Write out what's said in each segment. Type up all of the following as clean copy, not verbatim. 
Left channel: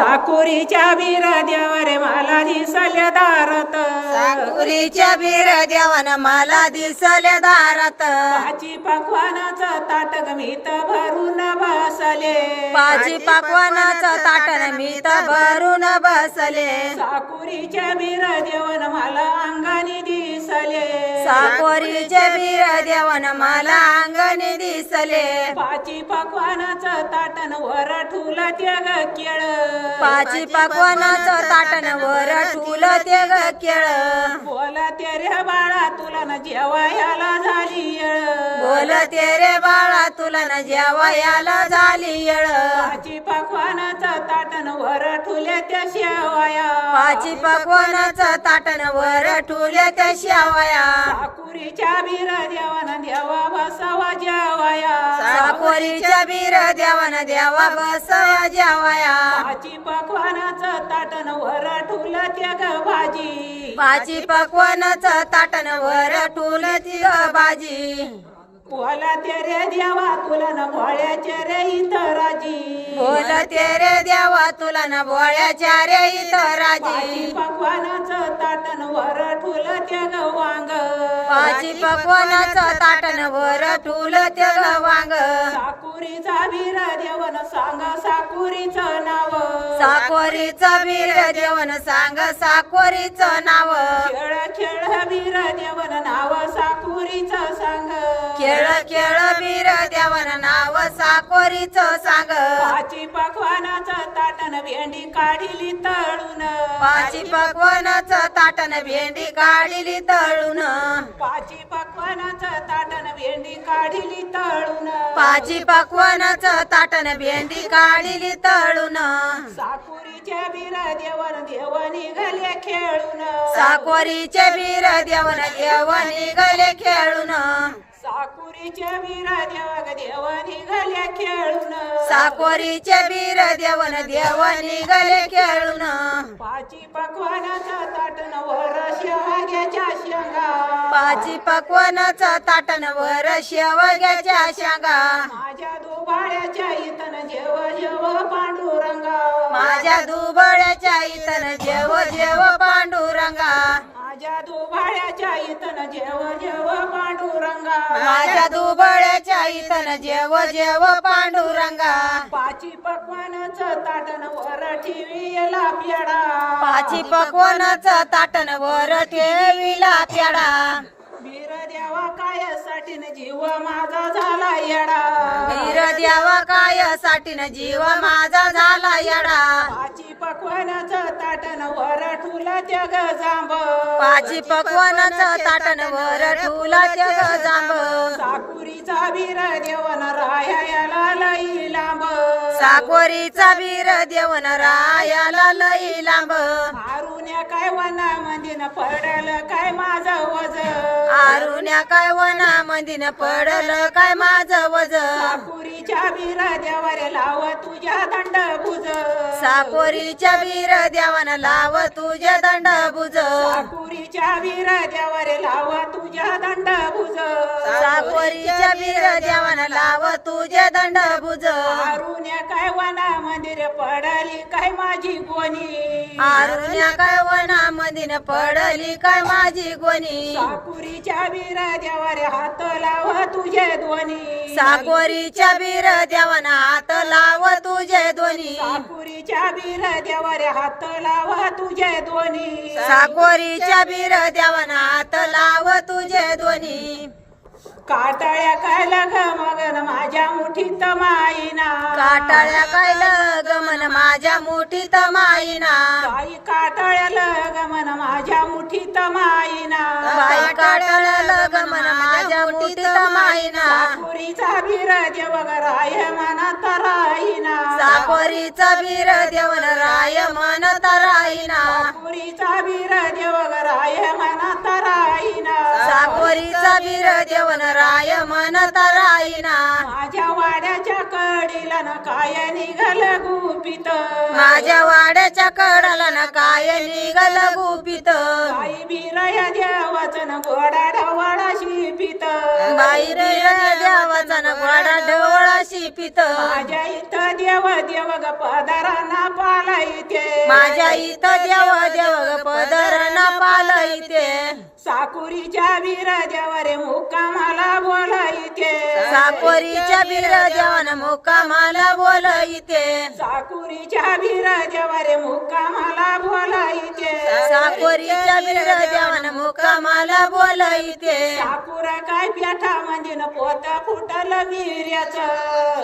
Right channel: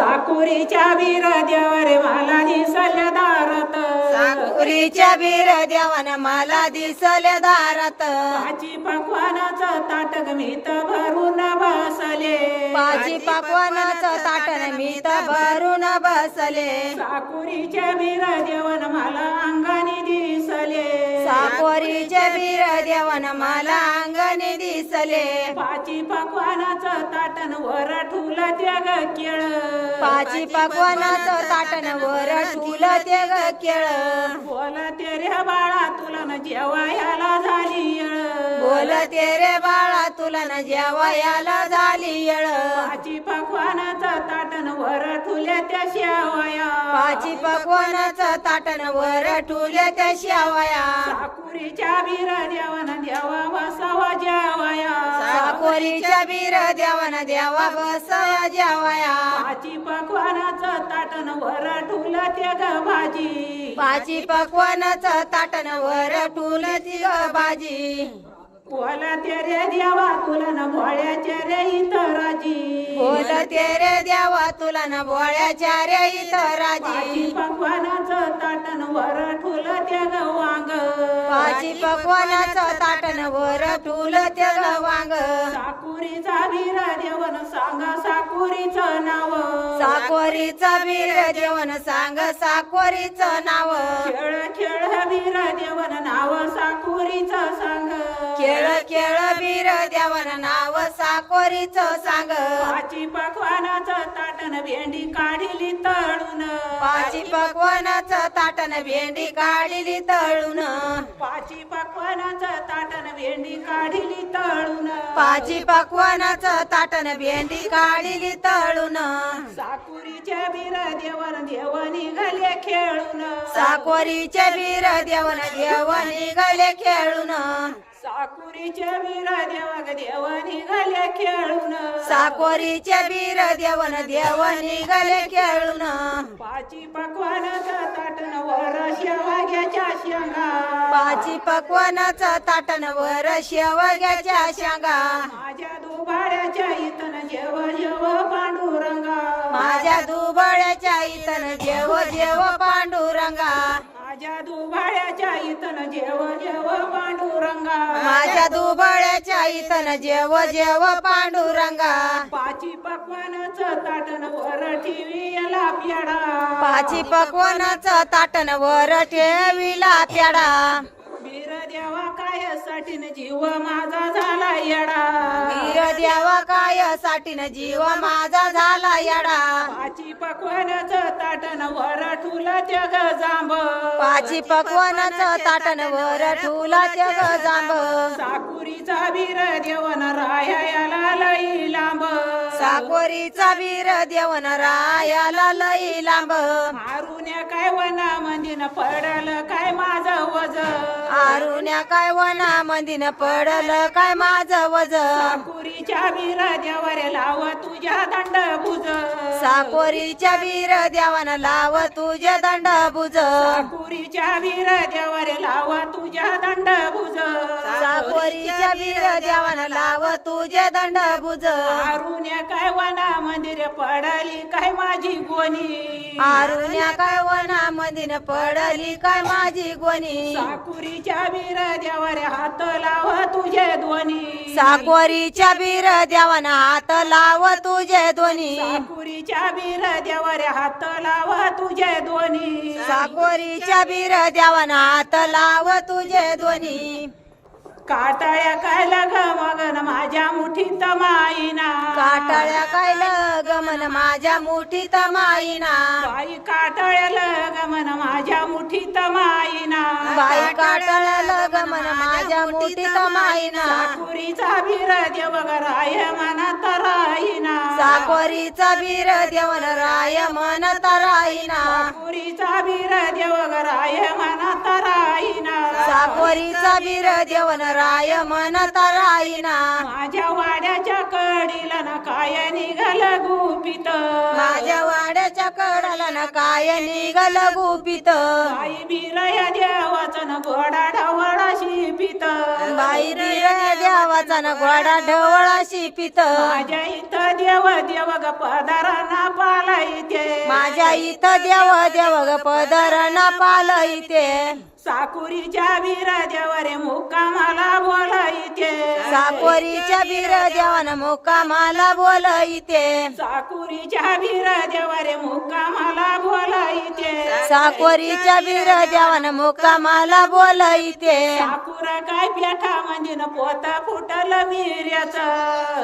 साकुरीच्या वीर देवरे मला दिसले दारात साकुरीच्या वीर देवन मला दिसले दारात भाजी पकवानाचं ताट मीत भरून बसले भाजी पकवानाचं ताटन मी तर भरून बसले साकुरीच्या वीर देवन मला अंगाने दिसले साकोरीचे वीर देवन मला अंगणी दिसले भाजी पकवानाचं ताटन वर ठुला ते ग केळ पाची पकवानाचं ताटन वर ठुलं ते ग केळ बोला ते रे बाळा तुला न जेवायला झाली येळ बोल ते रे बाळा तुला न जेवायला झाली येळ भाजी पकवानाचं ताटन वर ठुल्या त्या शेवाया पाची पकवानाचं ताटन वर ठुल्या त्या शेवया साकुरीच्या वीर देवन देवा बसावा जेवाया साकोरीच्या वीर देवन देवा बसया जेवाया भाजी पकवानाचं ताटन वर ठुला ते ग भाजी पाची पकवानाचं ताटन वर ठुलं ती ग भाजी बोला ते रे देवा तुला न भोळ्याचे रे इथं राजी बोल ते रे देवा तुला न बोळ्याच्या रे इथं राजी भाजी पकवानाचं ताटन वर ठुलं ते ग वांग पाची पकवानाचं ताटन वर ठुलं ते ग वांग साकुरीचा वीर देवन सांग साकुरीचं नाव साकोरीचा वीर देवन सांग साकोरीचं नाव खेळ खेळ वीर देवन नाव साकुरीचं सांग खेळ खेळ वीर देवन नाव साकोरीचं सांग भाजी पकवानाचं ताटन भेंडी काढिली तळून पाची पकवानाचं ताटन भेंडी काढिली तळून भाजी पकवानाचं ताटन भेंडी काढिली तळून पाची पकवानाचं ताटन भेंडी काढिली तळून साकुरीच्या वीर देवन देव निघाले खेळून साकोरीचे वीर देवन देव निघाले खेळून साकुरीच्या वीर देव निघाले खेळून साकोरीचे वीर देवन देव निघाले खेळून भाजी पकवानाचं ताटन वर शेवाग्याच्या शेंगा पाची पकवानाचं ताटन वर शेवग्याच्या शेंगा माझ्या दुबाड्याच्या इथन जेव जेव पांडुरंगा माझ्या दुबळ्याच्या इथन जेव जेव पांडुरंगा माझ्या दुबाड्याच्या इथन जेव जेव पांडुरंगा माझ्या दुबळ्याच्या इथन जेव जेव पांडुरंगा पाची पकवानाचं ताटन वर ठेवीला प्याडा पाची पकवानाचं ताटन वर ठेविला प्याडा वीर देवा कायासाठी न जीव माझा झाला येडा वीर देवा काय साठीन जीव माझा झाला येडा पाची पकवानाचं ताटन वर ठुला त्या ग जांब पाची पकवानाचं ताटन वर ठुला त्या ग जांब साकुरीचा वीर देवन रायाला लई लांब साकोरीचा वीर देवन रायाला लई लांब मारुन्या काय वना मंदिन पडल काय माझं वज आरुण्या काय वना मंदिन पडल काय माझं वज साकुरीच्या वीर देवारे लाव तुझ्या दंड भुज साकोरीच्या वीर देवन लाव तुझे दंड भुज साकुरीच्या वीर देवारे लाव तुझ्या दंड भुज साकोरीच्या वीर देवन लाव तुझे दंड भुज आरुण्या काय वना मंदिर पडली काय माझी गोनी आरुण्या काय वना मंदिन पडली काय माझी गोनी साकुरीच्या वीर देवारे हात लाव तुझे दोन्ही साकोरीच्या वीर देवन हात लाव तुझे दोन्ही साकुरीच्या वीर देवारे हात लाव तुझे दोन्ही साकोरीच्या वीर देवन हात लाव तुझे दोन्ही काटाळ्या काय लग मगन माझ्या मुठीत माईना काटाळ्या काय गमन माझ्या मुठीत माईना बाई काटाळ्या लगमन माझ्या मुठीत माईना बाई काटाळ्या गमन माझ्या मुठीत माईना साकुरीचा वीर देव राय मनात राहीना साकोरीचा वीर देवन राय मनत राहीना साकुरीचा वीर देव राय मनात राहीना साकोरीचा वीर देवन राय मनत राहीना माझ्या वाड्याच्या कडीला न काय निघाल गुपित माझ्या वाड्याच्या कडाला न काय निघल गुपित बाई बिरया देवाचं न घोडा ढवळा शिपित बाई देवाचा न घोडा ढवळा शिपित माझ्या इथं देव देव ग पदारांना पाला पालईते माझ्या इथं देव देव ग पदरण पालईते साकुरीच्या वीर देवारे मुक्कामाला बोलायते साकोरीच्या बीर देवान मुक्कामाला बोलईते साकुरीच्या वीर देवारे मुक्कामाला बोलायते साकोरीच्या बीर देवान मुक्कामाला बोलईते साकुरा काय पेठा मंदिन पोत फुटल मिर्याचं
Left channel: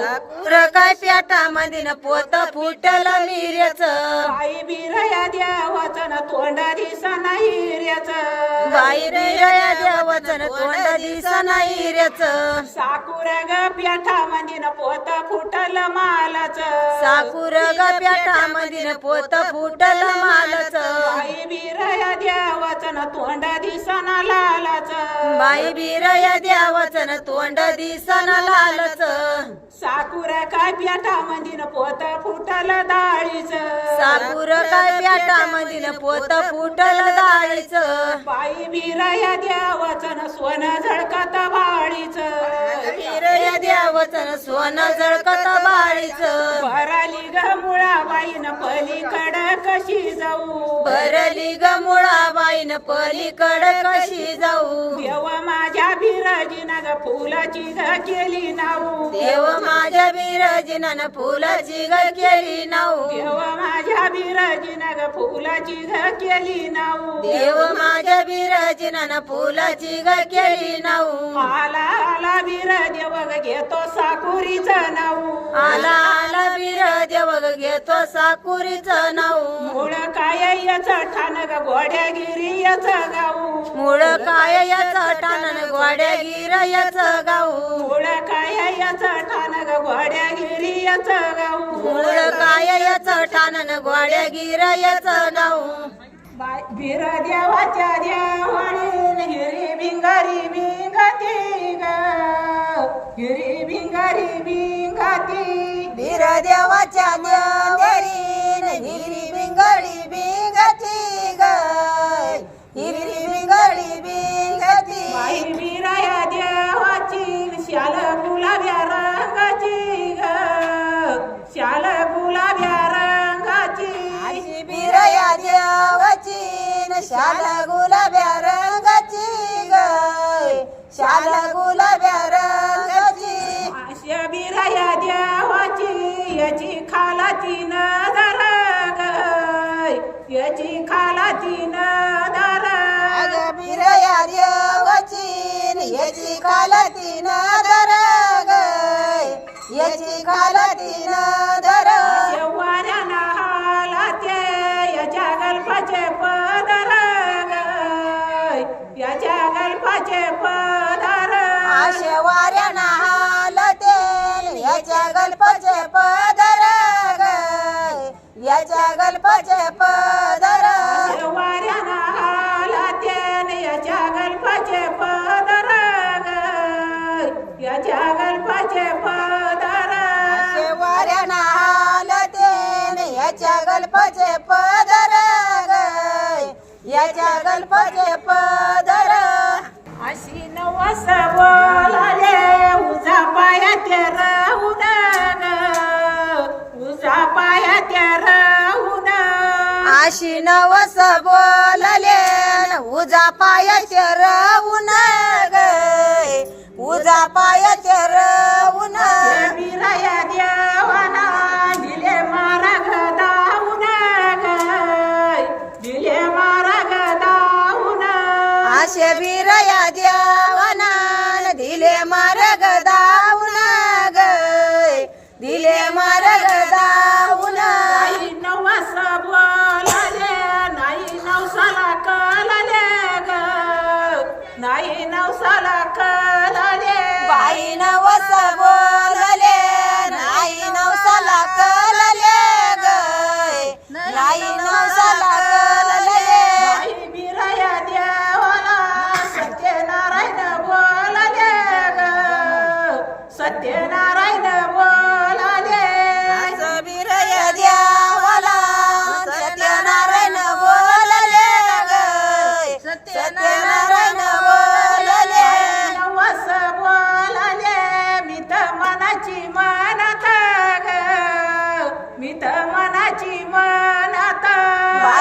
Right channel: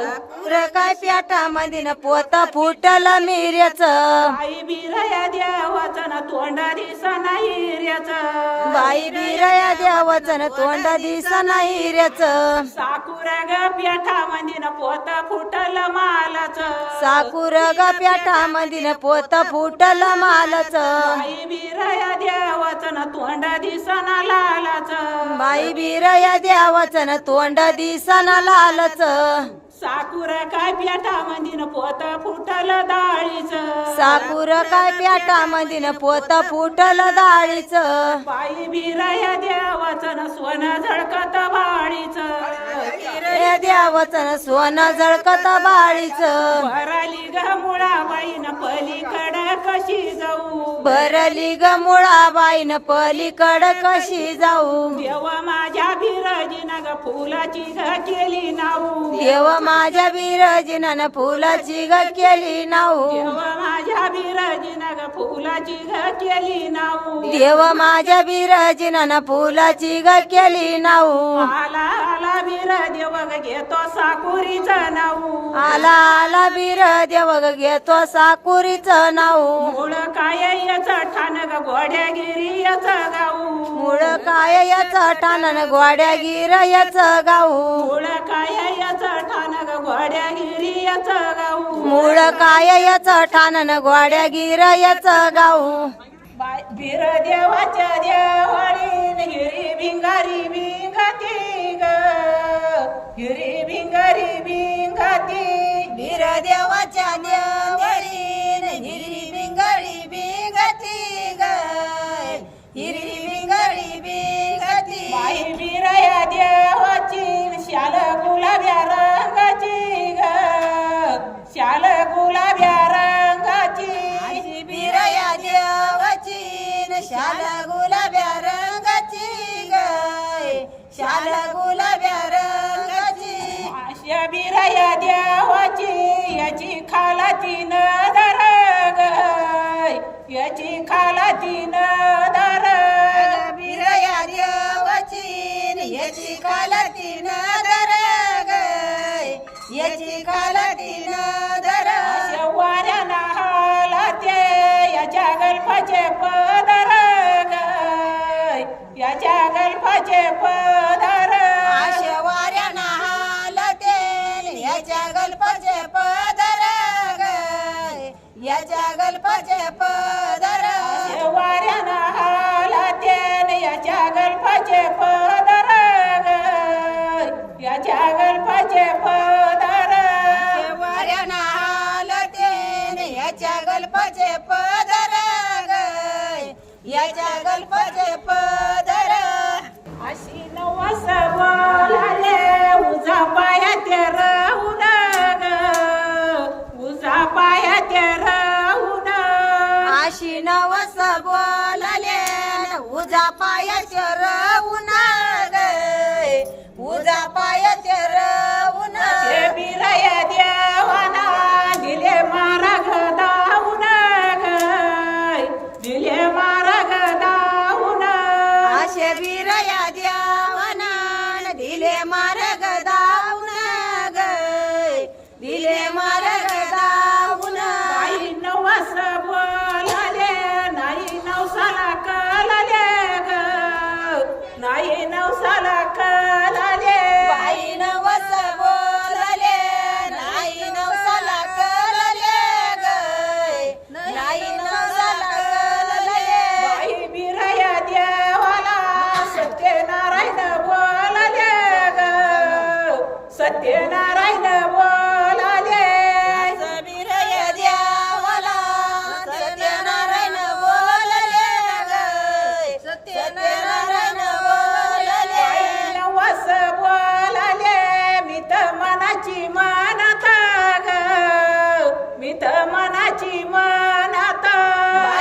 काय पेटा मधीन पोत फुटल मिर्याचं बाई बिरया देवाचं न तोंडा दिसना हिर्याचं बाई बिरया देवाचं तोंड दिसना हिऱ्याचं साकुरा ग पेठा मंदिन पोत फुटल मालाचं साकुर ग पेटा मधीन पोत फुटल मालाचं बाई बिरया देवाचं न तोंडा दिसना लालाचं बाई बिरया देवाचं तोंड दिसना लालचं साकुरा काय पेठा मंदिन पोत फुटल डाळीचं साकुर काय पेटा मधीन पोत फुटल डाळीचं बाई बिरया देवाचं न सोनं झळकत बाळीचं बिरया देवाचं सोनं झळकत बाळीचं भराली ग मुळाबाईन पलीकड कशी जाऊ भरली ग मुळाबाईन पलीकड कशी जाऊ देव माझ्या बिरजीनं ग फुलाची ग केली नाऊ देव माझ्या बिरजिनानं फुलाची ग केली नाऊ देव माझ्या बिरजीनं ग फुलाची ग केली नाऊ देव माझ्या बिरजिनानं फुलाची ग केली नाऊ आला आला बिर देव ग घेतो साकुरीचं नाऊ आला आला बीर देव ग घेतो साकुरीचं नाऊ मुळ काय याच ठाण ग गोड्यागिरी याच गाऊ मुळ काय याचं ठाणन गोड्या गिर याचं गाऊ मुळ काय याच ठाण ग गोड्यागिरी याच गाऊ मुळ काय याचं ठाणन गोड्या गिर याचं गाऊ बिर देवाच्या देवाळीन हिरी भिंगारी भिंगती ग हिरी भिंगारी भिंगती बीर देवाच्या देवळीन हिरी बिंगळी बिंगती ग हिरी बिंगळी बिंगती बाई बिरया देवाची शाल गुलाब्या रंगाची ग शाल गुलाब्या रंगाची बिरया देवाची शाल गुलाब्या रंगाची ग शाल गुलाब्या रंगाची अशा बिरया देवाची याची खाला तीन दर ग याची खाला तीन दर बिरया देवाची याची कालती नदर ग याची कालती नदर वाऱ्या नाहाला ते याच्या गल्पाचे पदर ग याच्या गल्पाचे पदर आशे वाऱ्या नाहाल तेल याच्या गल्पाचे पदर ग याच्या गल्पाचे पदर वाऱ्या नाहाला ते याच्या गल्पाचे पदर ग याच्या गल्पाचे पदर वाऱ्या नाहाल तेल याच्या गल्पाचे पदर ग याच्या गल्पाचे पदर अशी नवस बोलाले उजा पायात राहून ग उजा पायात राहून अशी नवस बोलले उजा पायाचे राहून ग उजा पायाचे राहून बिरया देवाना दिले मार्ग दाऊन ग दिले मार्ग दाऊन असे बिरया देवाना दिले मार्ग दाऊन ग दिले मार्ग दाऊन बाई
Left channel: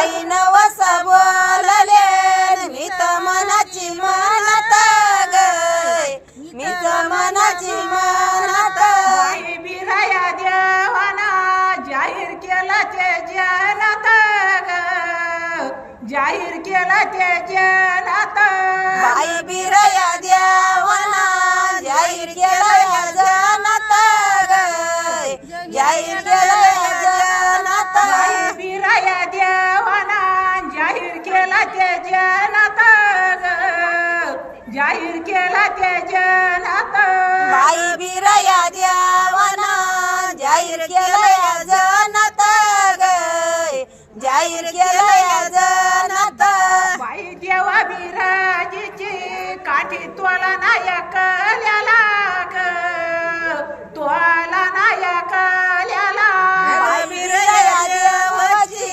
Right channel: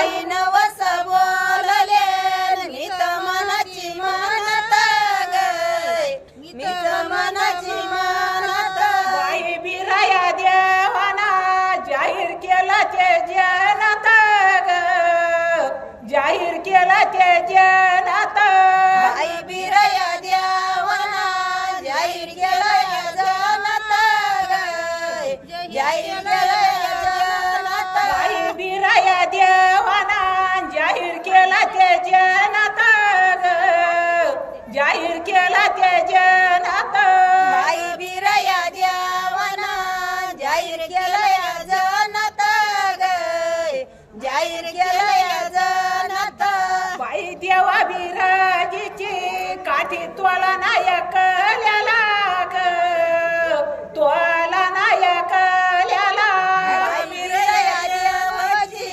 बाई नवस बोलले मी तर मनाची म्हणत ग मी तर मनाची म्हणत बाई बिराया देवाना जाहीर केलं ते जनत ग जाहीर केलं ते जनत बाई बिरया देवाना जाहीर केलं या जनत ग जाहीर केलं या जनत बाई बिराया देवाना जाहीर केलं ते जनत ग जाहीर केलं ते जनत बाई बिरया देवाना जाहीर केलं या जनत ग जाहीर केलं या जनत बाई देवा बिराजीची काठी तोला नायकल्याला ग तोला नायकल्याला बाई बिरया देवाची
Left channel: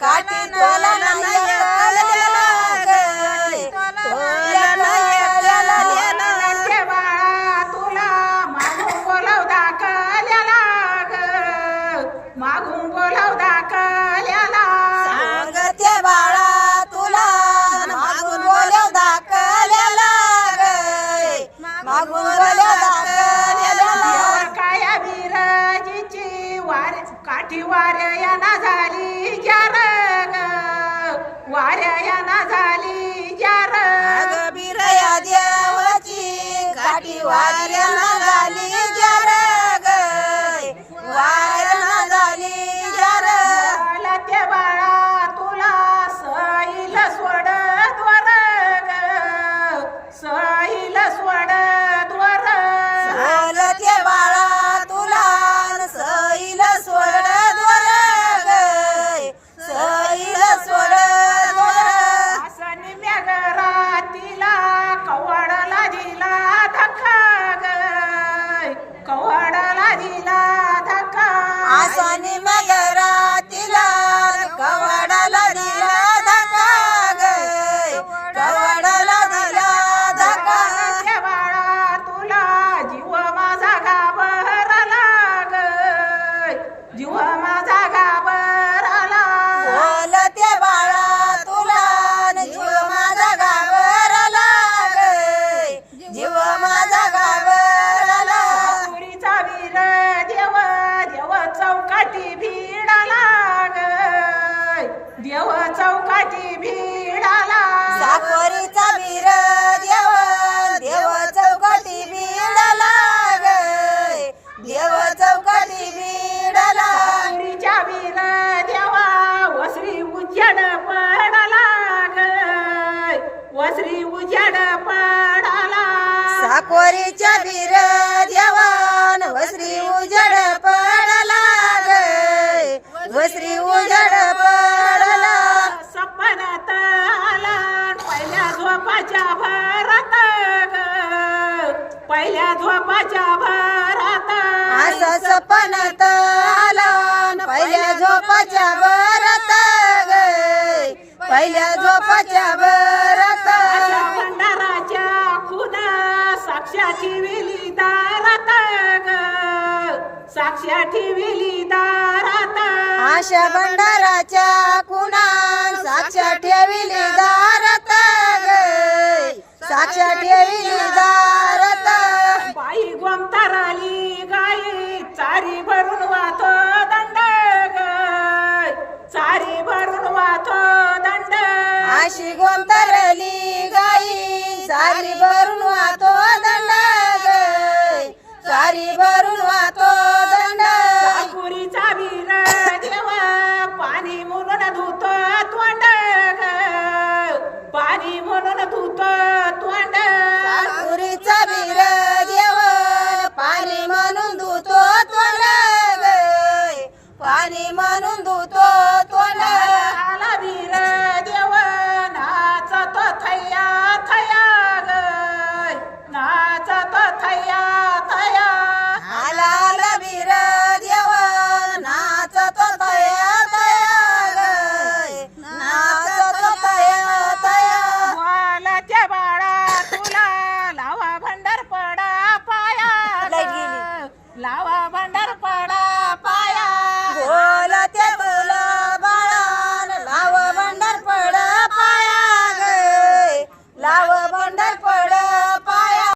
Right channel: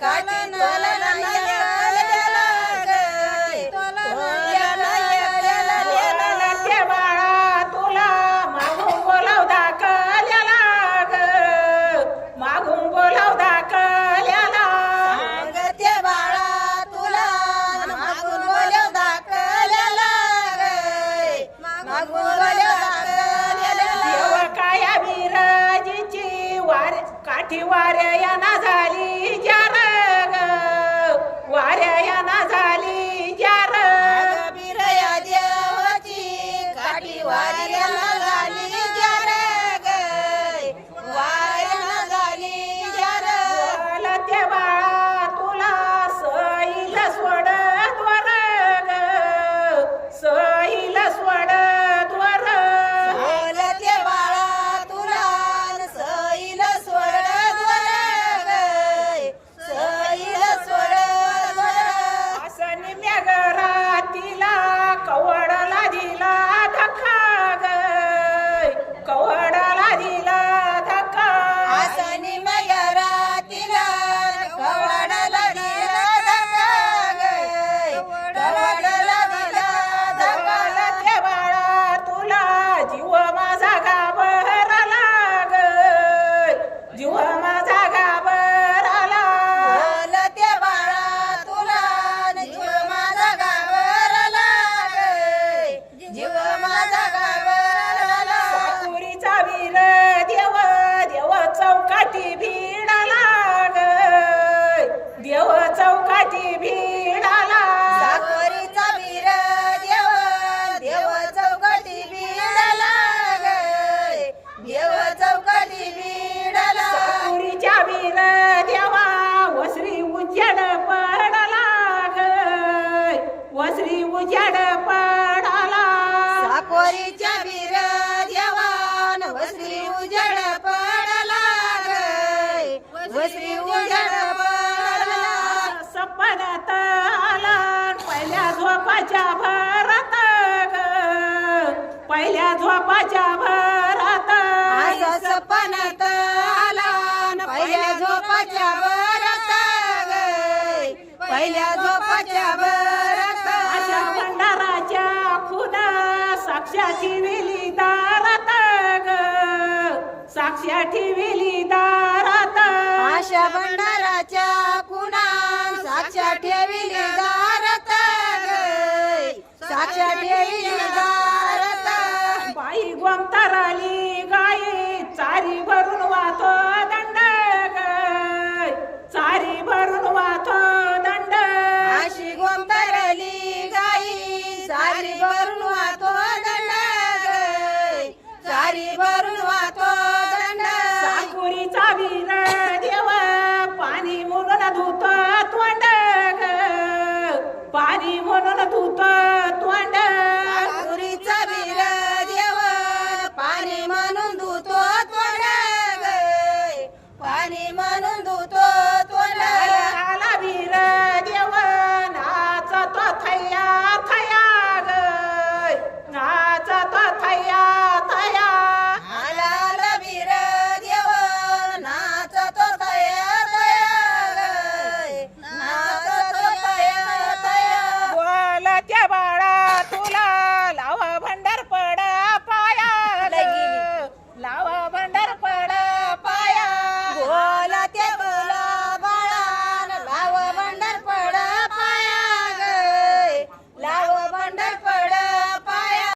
काठी तोला नायकल्याला ग तोला नायकल्याला ते बाळा तुला मागून बोलाव दाखल्याला ग मागून बोलाव दाखल्याला सांगते बाळा तुला मागून बोलव दाखल्याला ग मागून बोलव दाखल्याला देवा काया बिराजीची वार काठी वाऱ्याना झाली जार ग वाऱ्याना झाली जार अग बिरया देवाची काठी वाऱ्याला झाली जार ग वाऱ्याला झाली जार बोला ते बाळा तुला सईल सोड द्वार ग सईल सोड द्वार बोलते बाळा तुला सैल सोड द्वार ग सैल सोड द्वार असं निम्या घरातीला कवडला दिला धक्का ग कवडला दिला धक्का आसानी मगरातीला कवडाला दिला धक्का ग कवडाला दिला धक्का ते बाळा तुला जीव माझा घाबरला ग जीव माझा घाबरला बोलते बाळा तुला जीव माझा घाबरला ग जीव माझा घाबरला साकुरीचा वीर देव देव चौकाटी भिडाला ग देव चौकाटी भिडाला साकोरीचा वीर देव देव चौकटी भिडाला ग देव चौकटी भिडाला साकुरीच्या वीर देवा वसरी उजाड पडाला ग वसरी उजाड पडाला साकोरीच्या वीर देवान वस्री उजड पडला ग वस्री उजड पडला सपनात आला पहिल्या झोपाच्या भरात ग पहिल्या झोपाच्या भरात असा सपनात आला न पहिल्या झोपाच्या बरत ग पहिल्या झोपाच्या बरत अशा भंडाराच्या खून साक्षा ठेविली दारात ग साक्षा ठेविली दारात आशा भंडाराच्या कुणान साक्षा ठेविली दारत ग साक्षा ठेविली दारत बाई गोमताराली गाई चारी भरून वाहतो दंड ग चारी भरून वाहतो दंड अशी गोमतरली गाई सारी भरून वाहतो दंड ग सारी भरून वाहतो